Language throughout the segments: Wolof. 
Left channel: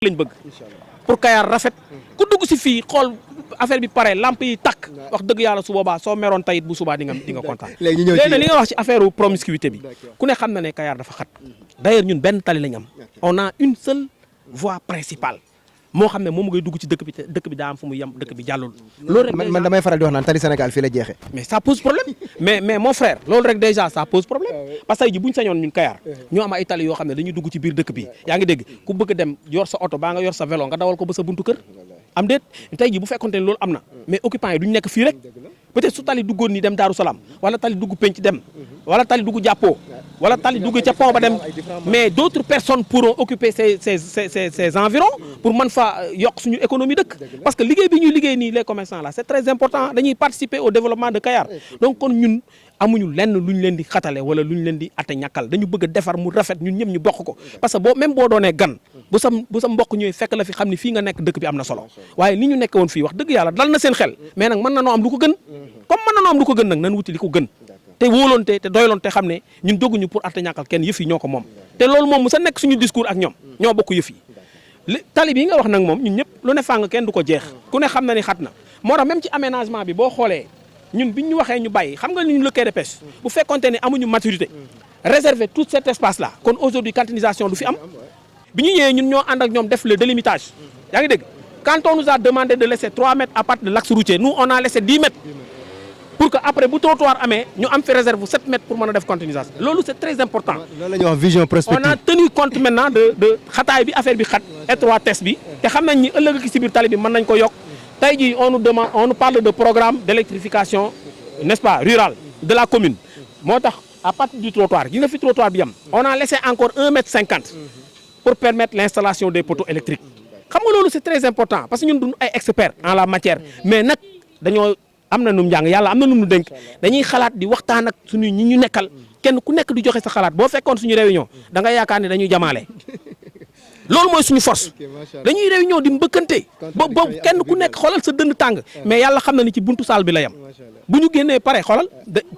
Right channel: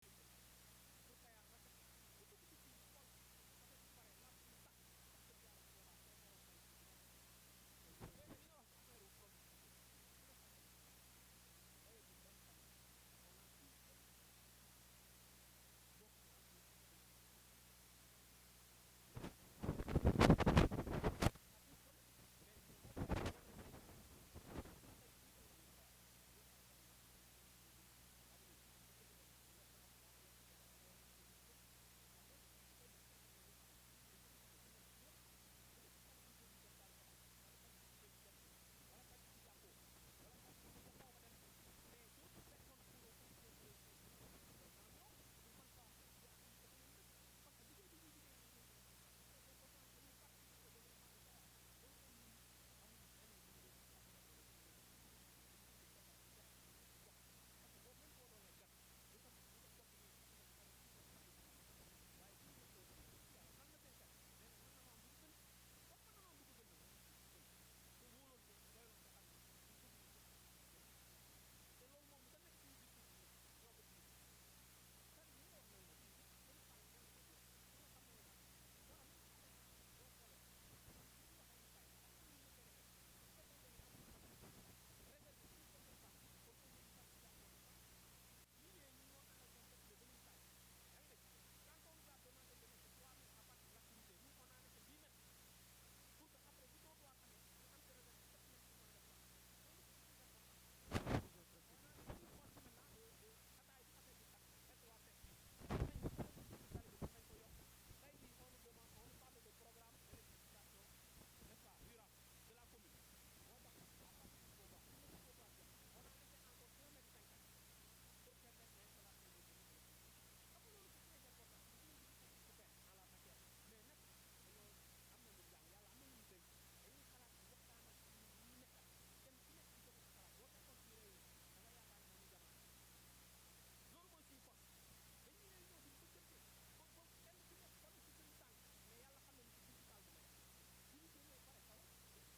lañ bëgg pour Kayar rafet ku dugg si fii xool affaire bi pare lamp yi takk wax dëgg yàlla su boobaa soo meroon tayit bu subaa di nga kontaan. léegi li nga wax ci affaire promiscuité bi ku ne xam na ne Kayar dafa xat d'ailleurs ñun benn tali lañ am on a une seule voie principale moo xam ne moom ngay dugg ci dëkk bi te dëkk bi daa am fu mu yem dëkk bi jàllul. loolu rek man damay faral di wax naan tali Sénégal fii la jeexee. mais ça pose problème mais mon frère loolu rek déjà ça pose problème parce que tey ji bu ñu sañoon ñun Kayar ñoo am ay tali yoo xam ne dañuy dugg ci biir dëkk bi yaa ngi dégg ku bëgg dem yor sa oto baa nga yor sa vélo nga dawal ko ba sa buntu kër am déet tey ji bu fekkonte ne loolu am na mais occupants yi duñu nekk fii rek peut-être su tali duggoon ni dem Daaru Salaam wala tali dugg penc dem wala tali dugg jàppoo wala tali dugg ca pont ba dem mais d'autres personnes pourront occuper ces environs pour mën fa yokk suñu économie dëkk parce que liggéey bi ñuy liggéey nii les commerçants là c'est très important dañuy participer au développement de Kayar donc kon ñun amuñu lenn lu ñu leen di xatale wala lu ñu leen di ate ñàkkal dañu bëgg a defar mu rafet ñun ñëpp ñu bokk ko parce que boo doonee gan bu sa mbokk ñëwee fekk la fi xam ni fii nga nekk dëkk bi am na solo waaye ni ñu nekk woon fii wax dëgg yàlla dal na seen xel mais nag mën na noo am lu ko gën comme mën na noo am lu ko gën nag nan wuti li ko gën te wóoloonte te doyloonte xam ne ñun dogguñu pour ate ñàkkal kenn yëf yi ñoo ko moom te loolu moom mu sa nekk suñu discours ak ñoom ñoo bokk yëf yi tali bi nga wax nag moom ñun ñëpp lu ne fàng kenn du ko jeex ku ne xam na ni xat na moo tax même ci aménagement bi boo xoolee ñun biñ ñu waxee ñu bàyyi xam nga ñu le quai de pêche bu fekkonte ne amuñu maturité réserver tout cet espace là kon aujourd'hui canalisation du fi am bi ñu ñëwee ñun ñoo ànd ak ñoom def le délimitage yaa ngi dégg quand on nous a demandé de laisser 3 mètres à partir de l'axe routier nous on a laissé 10 mètres pour que après bu trottoir amee ñu am fi réserve 7 mètres pour mën a def canalisation loolu c'est très important. loolu la ñuy wax vision prospective. on a tenu compte maintenant de xataay bi affaire bi xat étroitesse bi te xam nañ ni ëllëg ci biir tali bi mën nañ ko yokk tey jii on nous parle de programme d'électrification n'est-ce pas rural de la commune moo tax à partir du trottoir gi nga fi trottoir bi am on a laissé encore 1 mètre 50 pour permettre l'installation des poteaux électriques xam nga loolu c'est très important parce que ñun duñu ay experts en la matière mais nag dañoo am na nu mu njàng yàlla am na nu mu dénk dañuy xalaat di waxtaan ak suñu ñi ñu nekkal kenn ku nekk di joxe sa xalaat boo fekkoon suñu réunion da nga yaakaar ne dañuy jamaale loolu mooy suñu force dañuy réunion di mbëkkante ba kenn ku nekk xoolal sa dënn tàng mais yàlla xam na ni ci buntu saal bi la yam bu ñu génnee pare xoolal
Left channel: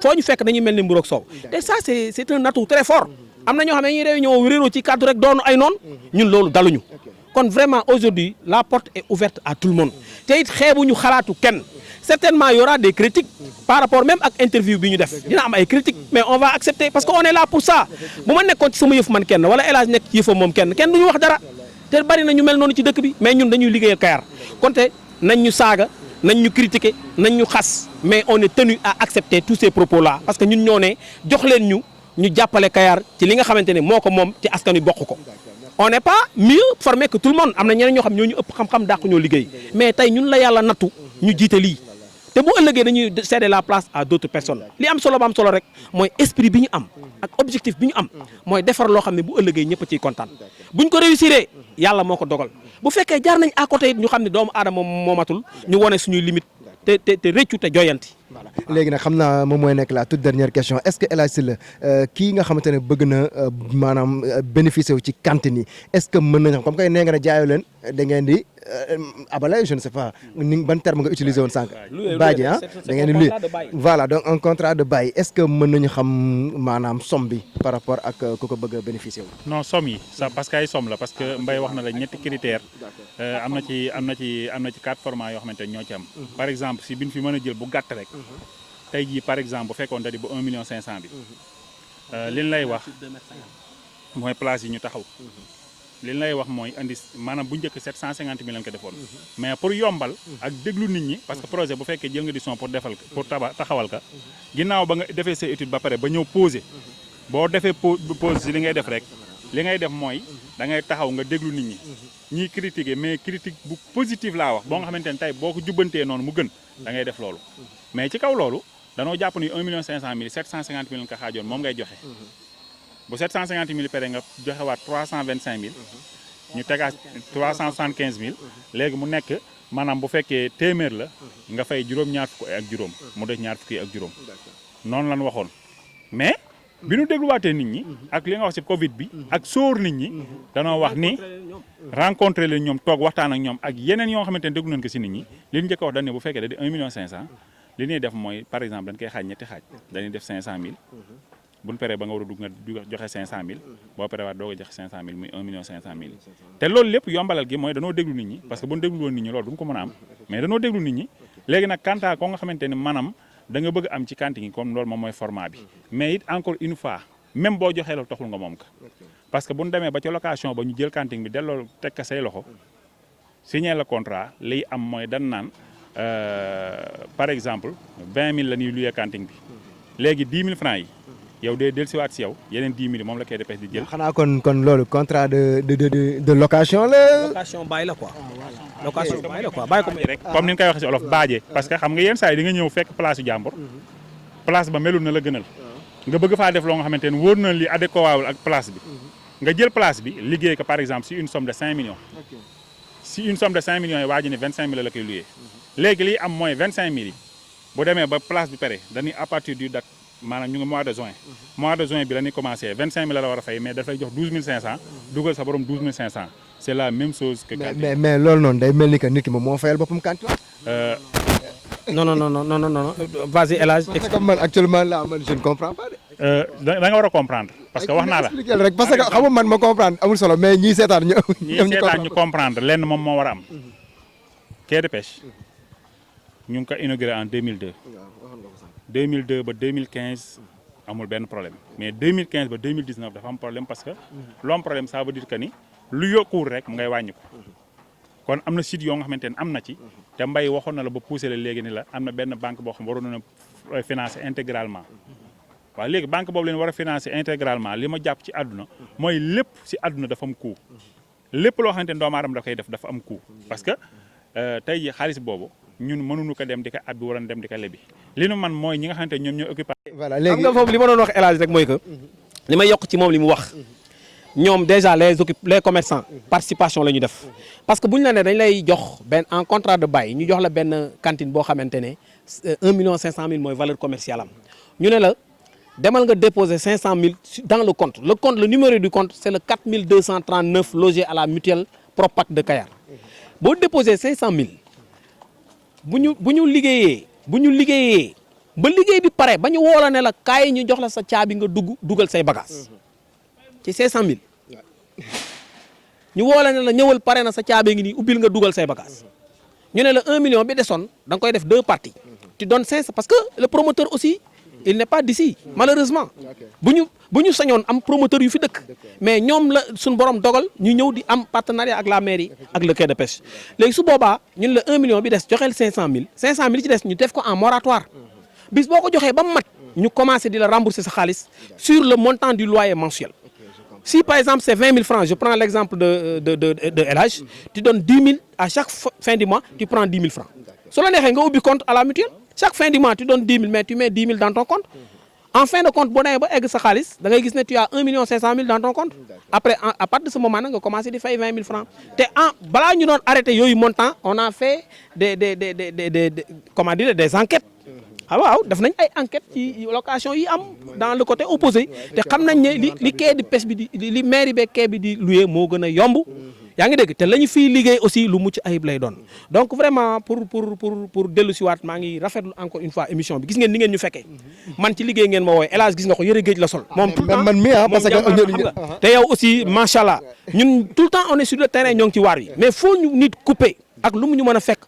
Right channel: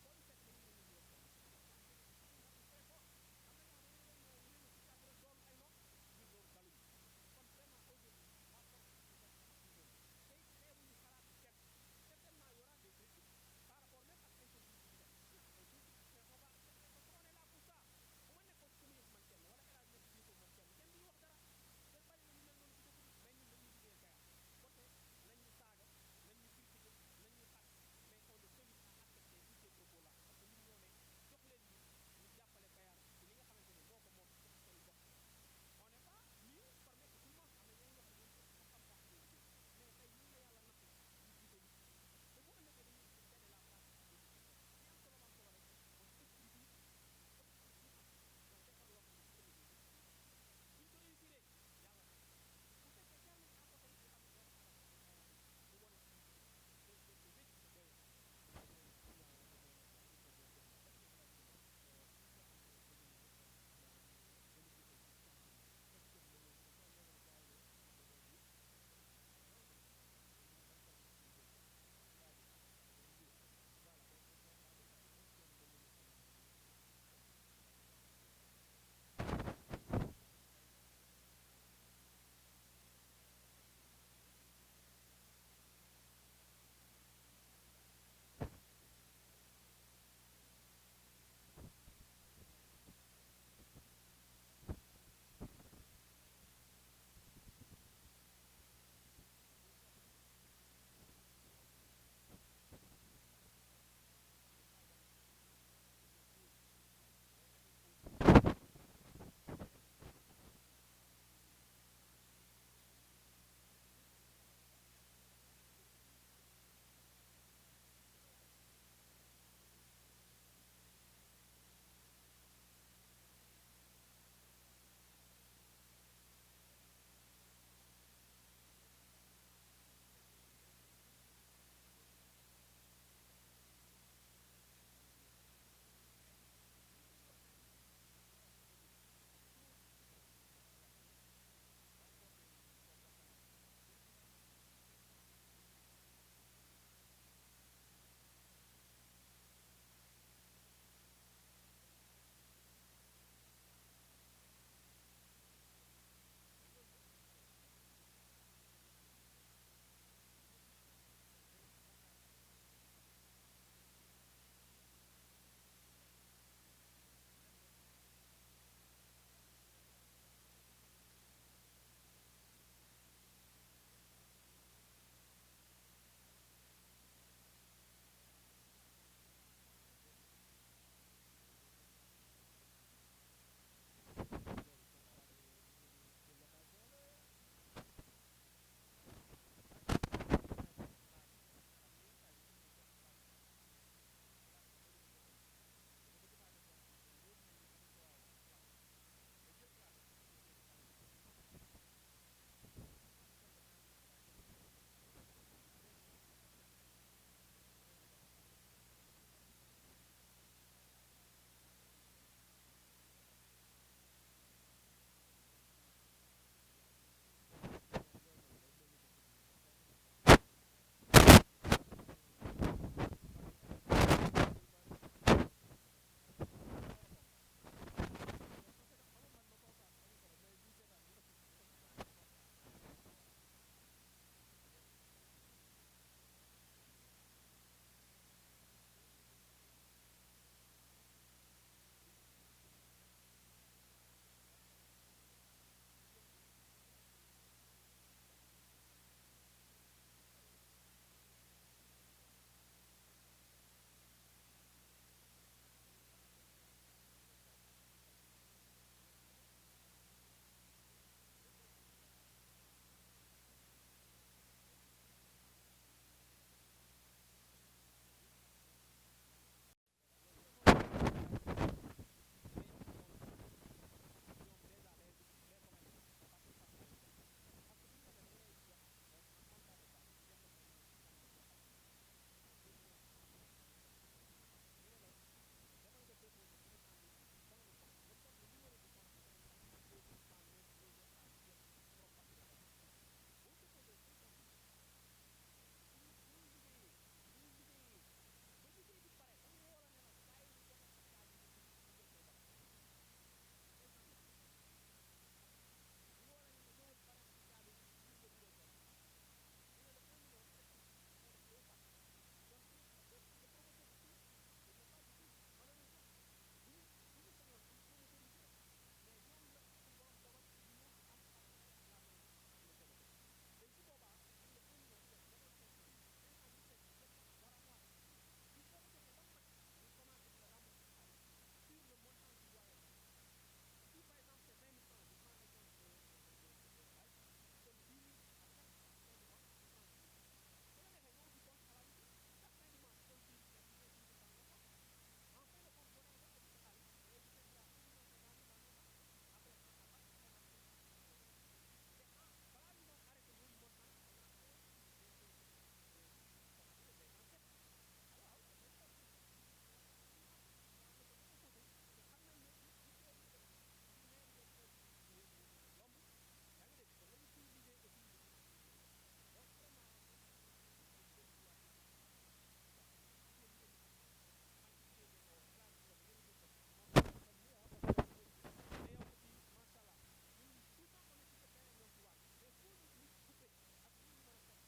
foo ñu fekk dañuy mel ni mburoog soow te ça c'est un atout très fort am na ñoo xam ne dañuy réunion réeroo ci cadre rek doonu ay noonu ñun loolu daluñu kon vraiment aujourd'hui la porte est ouverte à tout le monde te it xeebuñu xalaatu kenn certainement il y aura des critiques par rapport même ak interview bi ñu def dina am ay critiques mais on va accepter parce que on est là pour ça bu ma nekkoon ci sama yëf man kenn wala El Hadj nekk ci yëfam moom kenn duñu wax dara te bari na ñu mel noonu ci dëkk bi mais ñun dañuy liggéeyal Kayar konte nañ ñu saaga nañ ñu critiquer nañ ñu xas mais on est tenu à accepter tous ces propos là parce que ñun ñoo ne jox leen ñu jàppale Kayar ci li nga xamante ne moo ko moom ci askan wi bokk ko on n'est pas mieux formé que tout le monde am na ñeneen ñoo xam ñoo ñu ëpp xam-xam dàq ñoo liggéey mais tey ñun la yàlla nattu ñu jiite lii te bu ëllëgee dañuy céder la place à d'autres personnes li am solo ba am solo rek mooy esprit bi ñu am ak objectif bi ñu am mooy defar loo xam ne bu ëllëgee ñëpp a ciy kontaan buñ ko réussiree yàlla moo ko dogal bu fekkee jaar nañ à côté it ñu xam ne doomu aadama moo matul ñu wone suñuy limite te rëccu te joyanti. voilà léegi nag xam naa moom mooy nekk la toute dernière question est-ce que El Hadj Sylla kii nga xamante ne bëgg na maanaam bénéficier wu ci cantine yi est-ce que mën nañu comme que nee nga ne jaayoo leen da ngeen di abale je ne sais pas ni ban terme nga utiliser woon sànq. baaji da ngeen di luy voilà donc un contrat de bail est-ce que mën nañu xam maanaam somme bi par rapport ak ku ko bëgg a bénéficier wu. non somme yi ça parce que ay somme la parce que Mbaye wax na la ñetti critères am na ci 4 formats yoo xamante ne ñoo ci am. par exemple si biñ fi mën a jël bu gàtt rek. tey jii par exemple bu fekkoon da di ba 1 million 500 bi liñ lay wax mooy place yi ñu taxaw liñ lay wax mooy indi maanaam bu njëkk 750 000 lañ ko defoon mais pour yombal ak déglu nit ñi parce que projet bu fekkee jël nga décision pour taxawal ka ginnaaw ba nga defee sa étude ba pare ba ñëw poser boo defee pose si li ngay def rek li ngay def mooy da ngay taxaw nga déglu nit ñi ñiy critiquer mais critique bu positive laa wax boo nga xamante ne tey boo ko jubbantee noonu mu gën da ngay def loolu mais ci kaw loolu danoo jàpp ni 1 million 500 mille 750 000 nga xaajoon moom ngay joxe bu 750 000 pere nga joxewaat 325 000 ñu tegaat 375 000 léegi mu nekk maanaam bu fekkee téeméer la nga fay juróom-ñaar fukk ak juróom mu def ñaar fukki ak juróom noonu lañ waxoon mais bi ñu dégluwaatee nit ñi ak li nga wax ci Covid bi ak sóor nit ñi danoo wax ni rencontré leen ñoom toog waxtaan ak ñoom ak yeneen yoo xamante ne déglu nañ ko ci nit ñi li ñu njëkk a wax dañ ne bu fekkee da di 1 million 500 li ñuy def mooy par exemple dañ koy xaaj ñetti xaaj dañuy def 500 000 bu ñu paree ba nga war a dugg nga joxe 500000 boo paree waat doog a joxe 500000 muy 1 500 000 te loolu lépp yombalal gi mooy danoo déglu nit ñi parce que bu ñu déglu woon nit ñi loolu duñ ko mën a am mais danoo déglu nit ñi léegi nag kanta ko nga xamante ni maanaam da nga bëgg am ci cantine yi comme loolu moom mooy format bi mais it encore une fois même boo joxee loolu taxul nga moom ka parce que bu ñu demee ba ca location ba ñu jël cantine bi delloo teg ka say loxo signé le contrat liy am mooy dan naan par exemple 20000 la ñuy luyee cantine bi léegi 10 000 francs yi yow day dellusiwaat si yow yeneen 10 000 moom la KDPES di jël. xanaa kon loolu contrat de location la. location bàyyi la quoi. location bàyyi la quoi bàyyi ko rek comme ni ñu koy waxee si olof baaje parce que xam nga yenn saa yi di nga ñëw fekk place yu jàmbur place ba melul na la gënal nga bëgg faa def loo nga xamante ne wóor na li adéquat ak place bi nga jël place bi liggéey ko par exemple si une somme de 5 millions si une somme de 5 millions yi waa ji ne 25000 la koy luyee léegi liy am mooy 25000 yi bu demee ba place bi pare dañuy à partir du date maanaam ñu ngi mois de juin bi la ñuy commencé 25000 la war a fay mais dafay jox 12500 dugal sa borom 12500 c'est la même chose que mais loolu noonu day mel ni que nit ki moom moo fayal boppam cantine. non vas-y El Hadj. parce que man actuellement là man je ne comprends pas de. da nga war a comprendre parce que wax naa la expliquer rek parce que xam nga man ma comprendre amul solo mais ñii seetaan ñu comprendre lenn moom moo war a am quai de pêche ñu ngi ko inauguré en 2002 2002 ba 2015 amul benn problème mais 2015 ba 2019 dafa am problème parce que lu am problème ça veut dire que ni lu yokkuwul rek mu ngay wàññi ko kon am na site yoo nga xamante ne am na ci te mbay waxoon na la ba poussé la léegi ni la am na benn banque boo xam waroon na financer intégralement waaw léegi banque boobu leen war a financer intégralement li ma jàpp ci àdduna mooy lépp si àdduna dafa am coût lépp loo xamante ne doomu aadama da koy def dafa am coût parce que tey jii xaalis boobu ñun mënuñu ko dem di ko abbi waroon dem di ko lebi li nu man mooy ñi nga xamante ñoom ñoo occupé. voilà léegi xam nga foofu li ma doon wax El Hadj rek mooy que li may yokk ci moom li mu wax ñoom déjà les commerçants participation la ñu def parce que bu ñu la ne dañ lay jox benn en contrat de bail ñu jox la benn cantine boo xamante ne 1 500 000 mooy valeur commerciale am ñu ne la demal nga déposer 500 000 dans le compte le numéro du compte c'est le 4239 logé à la mutuelle Propac de Kayar boo déposer 500 000 bu ñu liggéeyee ba liggéey bi pare ba ñu woo la ne la kaay ñu jox la sa caabi nga dugal say bagages ci 500 000 ñu woo la ne la ñëwal pare na sa caabi ngi nii ubbil nga dugal say bagages ñu ne la 1 million bi desoon da nga koy def 2 parties tu donnes 500 parce que le promoteur aussi il n'est pas d'ici malheureusement bu ñu sañoon am promoteur yu fi dëkk mais ñoom la suñu borom dogal ñu ñëw di am partenariat ak la mairie ak le quai de pêche léegi su boobaa ñun la 1 million bi des joxeel 500000 500000 ci des ñu def ko en moratoire bis boo ko joxee ba mu mat ñu commencé di la rembourser sa xaalis sur le montant du loyer mensuel si par exemple c'est 20 000 francs je prends l'exemple de El Hadj tu donnes 10 000 à chaque fin du mois tu prends 10 000 francs su la neexee nga ubbi compte à la mutuelle chaque fin du mois tu donnes 10 000 mais tu mets 10 000 dans ton compte en fin de compte boo demee ba egg sa xaalis da ngay gis ne tu as 1 500 000 dans ton compte après à partir de ce moment nag nga commencé di fay 20 000 francs te balaa ñu doon arrêté yooyu montant on a fait comment dire des enquêtes waaw def nañ ay enquêtes ci location yi am dans le côté opposé te xam nañ ne li quai de pêche bi li mairie beeg quai bi di louer moo gën a yomb yaa ngi dégg te la ñu fiy liggéey aussi lu mucc ayib lay doon donc vraiment pour dellu si waat maa ngi rafetlu encore une fois émission bi gis ngeen ni ngeen ñu fekkee man ci liggéey ngeen ma wooye El Hadj gis nga ko yëre géej la sol moom tout le temps man mi parce que xam nga te yow aussi macha allah ñun tout le temps on est sur le terrain ñoo ngi ci waar wi mais faut ñu nit couper ak lu mu ñu mën a fekk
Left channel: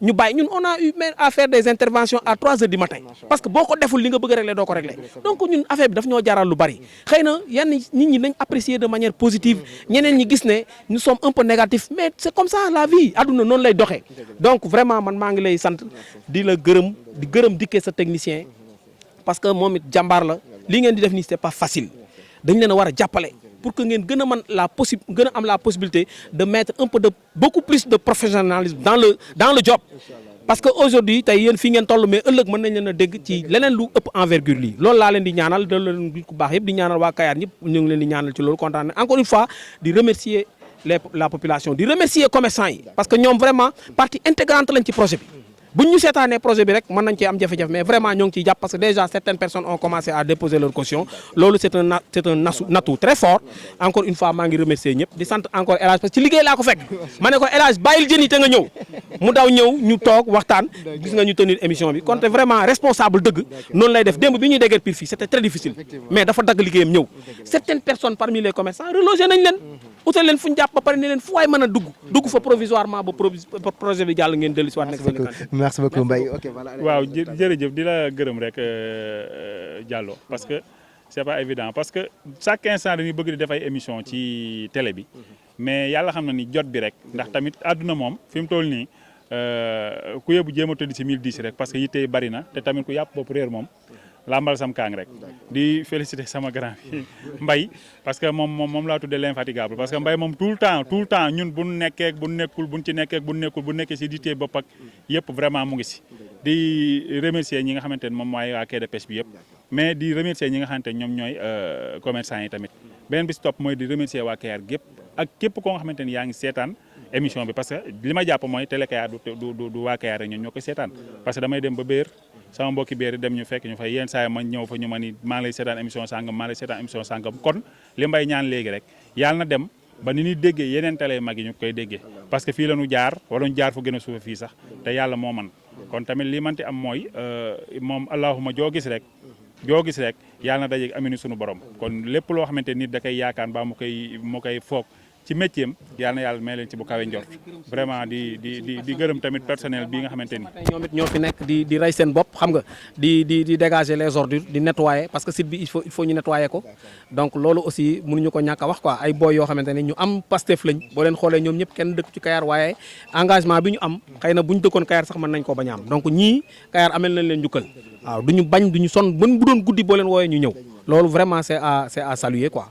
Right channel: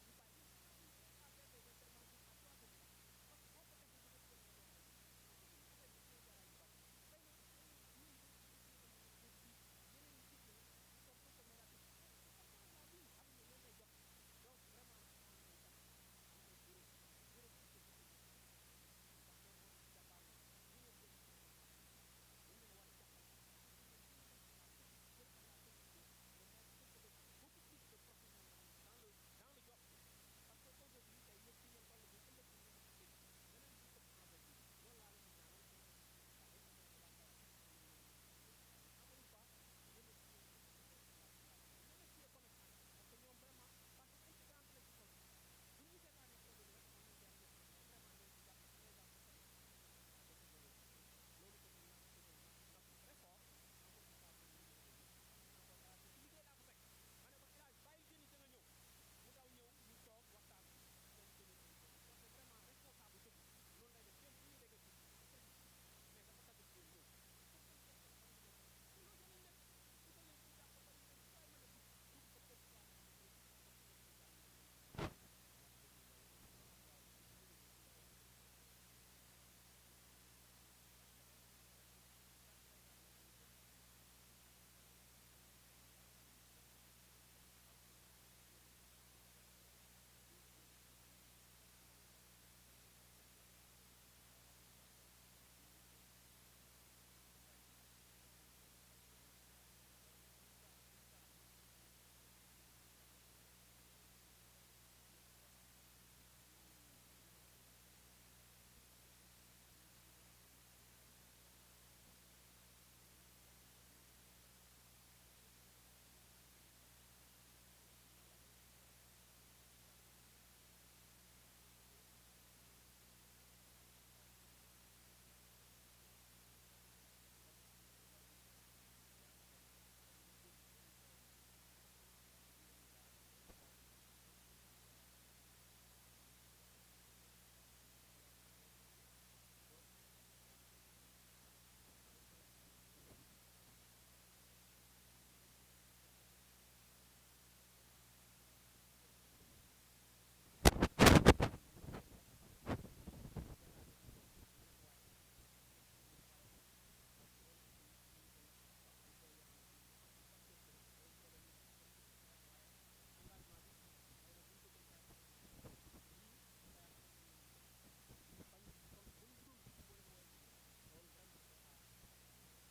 ñu bàyyi ñun on a eu même à faire des interventions à 3 heures du matin parce que boo ko deful li nga bëgg a régler doo ko régler donc ñun affaire bi daf ñoo jaral lu bari xëy na yenn nit ñi nañ apprécier de manière positive ñeneen ñi gis ne nous sommes un peu négatifs mais c'est comme ça la vie adduna noonu lay doxee donc vraiment man maa ngi lay sant di la gërëm dikkee sa technicien parce que moom it jàmbaar la li ngeen di def nii c'est pas facile dañ leen a war a jàppale pour que ngeen gën a mën gën a am la possibilité de mettre un peu de beaucoup plus de professionnalisme dans le job parce que aujourd'hui tey yéen fii ngeen toll mais ëllëg mën nañ leen a dégg ci leneen lu ëpp envergure lii loolu laa leen di ñaanal da leen di ku baax yëpp di ñaanal waa Kayar ñëpp ñu ngi leen di ñaanal ci loolu kontaan encore une fois di remercier la population di remercier commerçants yi parce que ñoom vraiment partie intégrante lañ ci projet bi buñ ñu seetaanee projet bi rek mën nañ cee am jafe-jafe mais vraiment ñoo ngi ciy jàpp parce que déjà certaines personnes ont commencé à déposer leur caution loolu c'est un atout très fort encore une fois maa ngi remercier ñëpp di sant encore El Hadj parce que ci liggéey laa ko fekk ma ne ko El Hadj bàyyil jën yi te nga ñëw mu daw ñëw ñu toog waxtaan gis nga ñu tenir émission bi kon te vraiment responsable dëgg noonu lay def démb bi ñuy déggee pile fii c'était très difficile mais dafa dagg liggéeyam ñëw certaines personnes parmi les commerçants relogé nañ leen utal leen fu ñu jàpp ba pare ne leen fu waay mën a dugg fa provisoirement ba projet bi jàll ngeen dellu si waat nekk seen i merci beaucoup Mbaye ok voilà. waaw jërëjëf di la gërëm rek Diallo parce que c'est pas évident parce que chaque instant dañuy bëgg di def ay émission ci télé bi mais yàlla xam na ni jot bi rek ndax tamit àdduna moom fi mu toll nii ku yóbbu jéem a tëdd ci 1010 rek parce que yitte yi bari na te tamit ku yàpp bopp réer moom lambal sam kaang rek di féliciter sama grand bi Mbaye parce que moom laa tuddee l'infatigable parce que Mbaye moom tout le temps ñun bu nekkee bu nekkul bu ci nekkee bu nekkee si yitte bopp ak yëpp vraiment mu ngi si di remercier ñi nga xamante ne moom mooy waa quai de pêche bi yëpp mais di remercier ñi nga xamante ne ñoom ñooy commerçant yi tamit beneen bi si topp mooy di remercier waa Kayar gépp ak képp koo nga xamante ni yaa ngi seetaan émission bi parce que li ma jàpp mooy télé Kayar du waa Kayar rek ñun ñoo koy seetaan parce que damay dem ba béer sama mbokki béer dem ñu fekk ñu fay yenn saa yi ma ñëw fa ñu ma ni maa ngi lay seetaan émission sàngam kon li mbay ñaan léegi rek yàlla na dem ba ni ñuy déggee yeneen télé mag yi ñu koy déggee parce que fii la ñu jaar wala ñu jaar fu gën a suufa fii sax te yàlla moo man kon tamit li manti am mooy moom allahuma joo gis rek yàlla na dajeeg aminu sunu borom kon lépp loo xamante nit da koy yaakaar ba mu koy foog ci métier am yàlla na yàlla may leen ci bu kawe njort vraiment di gërëm tamit personnel bii nga xamante ni. ñoom it ñoo fi nekk di rey seen bopp xam nga di dégager les ordures di nettoyer parce que site bi il faut ñu nettoyer ko donc loolu aussi mënuñu ko ñàkk a wax quoi ay boy yoo xamante ne ñu am Pastef lañ boo leen xoolee ñoom ñëpp kenn dëkk ci Kayar waaye engagement bi ñu am xëy na bu ñu dëkkoon Kayar sax mën nañ koo bañ a am donc ñii Kayar amel nañ leen njukkal waaw duñu bañ duñu sonn bu doon guddi boo leen wooyee ñu ñëw loolu vraiment c'est à saluer quoi.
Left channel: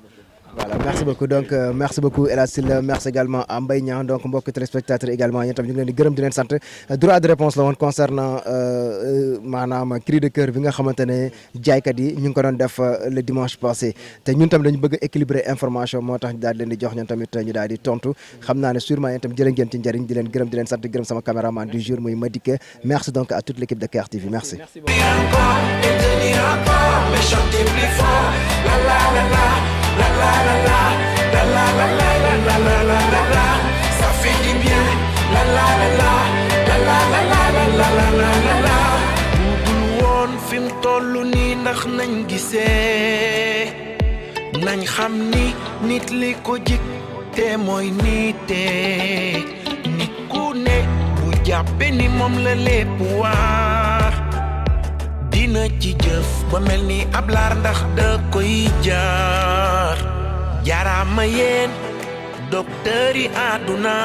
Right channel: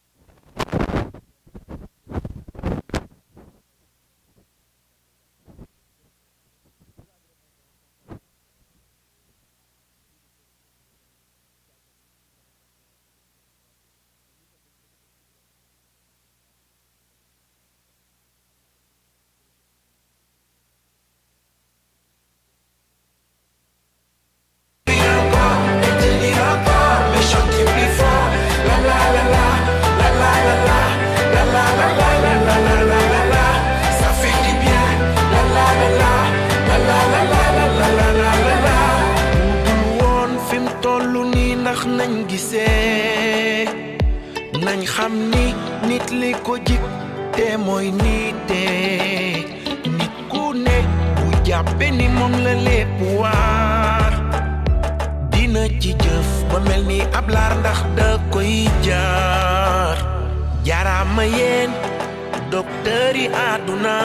Voilà, merci beaucoup donc merci beaucoup El Hadj Sylla merci également à Mbaye Niang donc mbokk téléspectateurs également yéen tam ñu ngi leen di gërëm di leen sant droit de réponse la woon concernant maanaam cri de cœur bi nga xamante ne jaaykat yi ñu ngi ko doon def le dimanche passé te ñun tamit dañu bëgg a équilibrer information moo tax ñu daal di leen di jox ñun tamit ñu daal di tontu xam naa ne sûrement yéen tam jërë ngeen ci njëriñ di leen gërëm di leen sant di gërëm sama caméraman du jour muy Madické merci donc à toute l'équipe de Kayar TV merci. La la la la la la la la la la la la la ça fait du bien la la la la la la la la la la la la budul woon fi mu tollu nii ndax nañ gisee nañ xam ni nit li ko jik te mooy nite nit ku ne bu jàppe ni moom la lépp waar dina ci jëf ba mel ni ab laar ndax da koy jaar jaaraama yéen docteur yi àdduna